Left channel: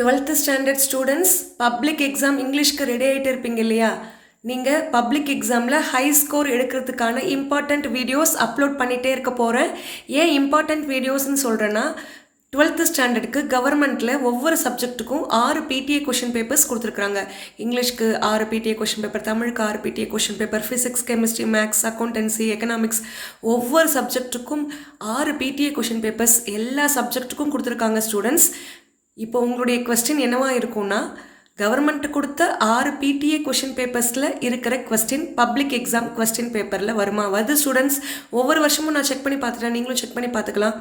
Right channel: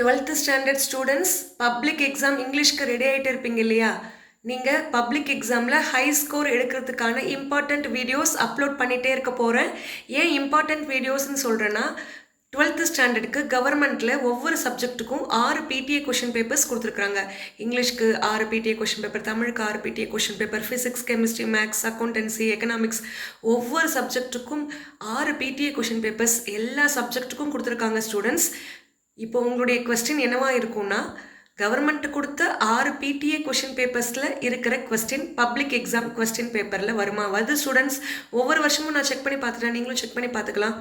12th standard students public exam இங்கிலீஷ்க்கு ready ஆகிட்டு இருப்பீங்க இல்லையா? நீங்கள் பப்ளிக் எக்ஸாமில் ஹை ஸ்கோர் எடுக்கிறதுக்கான இம்பார்ட்டண்ட் வீடியோஸ் அப்லோட் பண்ணிகிட்டே இருக்க போகிறேன். ஏன் இம்பார்ட்டண்ட் வீடியோஸ்ன்னு சொல்கிறேன்னா, 12th ஸ்டாண்டர்டுக்கு கவர்மெண்ட்டில் ஒவ்வொரு சப்ஜெக்ட்டுக்கும் 6 பிடிஏ கொஷின் பேப்பர்ஸ் கொடுத்துருக்குறாங்க. இங்கிலீஷ்க்கு 6 பிடிஏ கொஷின் பேப்பர், தமிழுக்கு 6 PTA question paper, physics, chemistry, maths, accountancy, economics ஒவ்வொரு சப்ஜெக்ட்டுக்கும் 6 பிடிஏ கொஷின் பேப்பர்ஸ் எல்லா சப்ஜெக்ட்டுக்கும் கொடுத்துருக்காங்க ஸ்டூடெண்ட்ஸ். இப்போ உங்களுடைய கொஸ்டின் என்னவா இருக்கும்னா, கவர்மெண்ட் கொடுத்த 6 பிடிஏ கொஷின் பேப்பர்ஸில் இருக்கிற கொஸ்டின் பப்ளிக் எக்ஸாம் கொஸ்டின் பேப்பரில் வருமா? வருது ஸ்டூடெண்ட்ஸ். ஒவ்வொரு வருஷமும் நான் செக் பண்ணி பார்த்துட்டேன், நீங்களும் செக் பண்ணி பார்த்துக்கலாம்.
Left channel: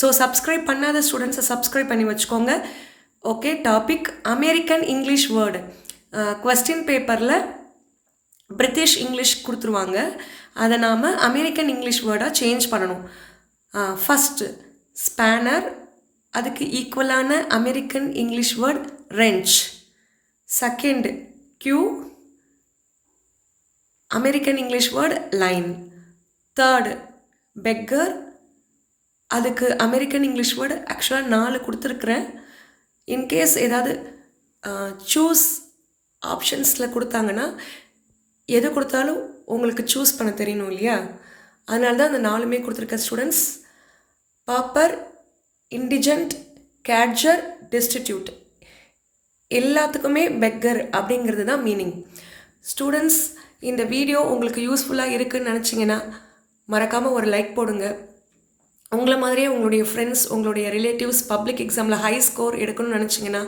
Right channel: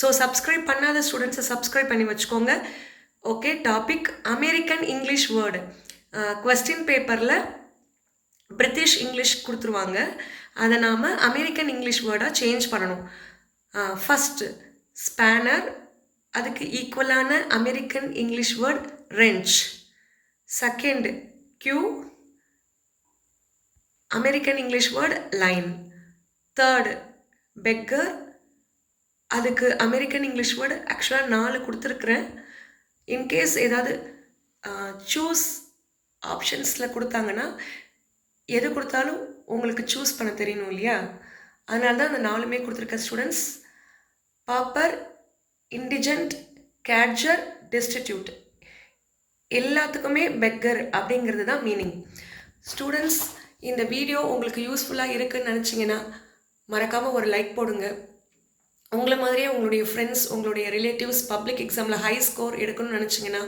ஸோ சப்ஸ்கிரைப் பண்ணாத ஸ்டூடெண்ட்ஸை சப்ஸ்கிரைப் பண்ணி வச்சுக்கோங்க. Okay, topic American English word. Question பேப்பரில் பிரிட்டிஷ் இங்கிலீஷ் கொடுத்துருவாங்க, அதை நாம் அமெரிக்கன் இங்கிலீஷ் வேர்டாக சேஞ்ச் பண்ணணும். ஃபஸ்ட்டு ஸ்பேனர், அதுக்கு ஈக்குவலான American English word wrench. Second queue, American English word line. Third beggar, அதுக்கு அமெரிக்கன் இங்கிலீஷ் வேர்டு ஆக்சுவலாக 4 கொடுத்துருக்குறேன். இன்கேஸ் ஏதாவது சூஸ் ஆப்ஷன்ஸில் கொடுத்தாங்கன்னா எது கொடுத்தாலும் உங்களுக்கு சூஸ் பண்ண தெரியணும் இல்லையா? அதனால தான் அந்த 4மே கொடுத்துருக்கேன் ஸ்டூடெண்ட்ஸ். பாப்பர், இண்டிஜென்ட், கேட்ஜர், டெஸ்டிடியூட் எல்லாத்துக்குமே பெக்கர் அப்படிங்கிறது தான் மீனிங். ஸ்டூடெண்ட்ஸ், இந்த வீடியோ உங்களுக்கு யூஸ்ஃபுல்லாக இருக்குதுன்னு நினச்சிங்கன்னா மறக்காமல் ஒரு லைக் போடுங்க. உங்களை மாதிரியே உங்களுடைய ஃப்ரெண்ட்ஸ், உங்களுடைய ரிலேட்டிவ்ஸ் பப்ளிக் எக்ஸாமில் ஹை ஸ்கோர் எடுக்கணும்னு நினச்சிங்கன்னா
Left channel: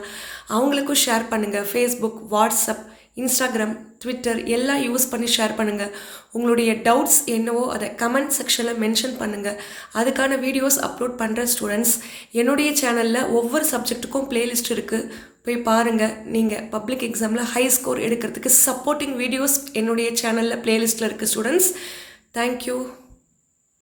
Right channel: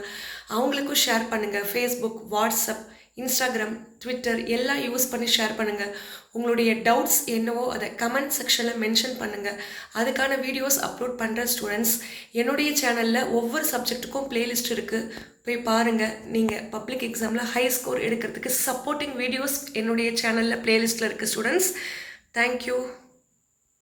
அவங்களுக்கும் ஷேர் பண்ணுங்கள். ஃபேஸ்புக், வாட்ஸ்அப், இன்ஸ்டாகிராம், ட்விட்டர் எல்லாம் யூஸ் பண்ணி ஷேர் பண்ணுங்கள். உங்களுடைய டவுட்ஸ் என்னவோ அதை கமெண்ட் செக்ஷனில் மென்ஷன் பண்ணுங்கள். அதுக்கான வீடியோஸ் அப்லோட் பண்ணுற ஸ்டூடெண்ட்ஸ். என்னுடைய சேனலில் ஒவ்வொரு சப்ஜெக்ட்டுக்கும் ப்ளேலிஸ்ட் இருக்குது, போய் பாருங்கள். நீங்கள் பப்ளிக் எக்ஸாமில் ஹை ஸ்கோர் எடுக்கிறதுக்கு சப்போர்ட்டிங் வீடியோஸ் என்னுடைய சேனலில் ப்ளேலிஸ்ட்டில் இருக்குது ஸ்டூடெண்ட்ஸ். தேங்க்யூ.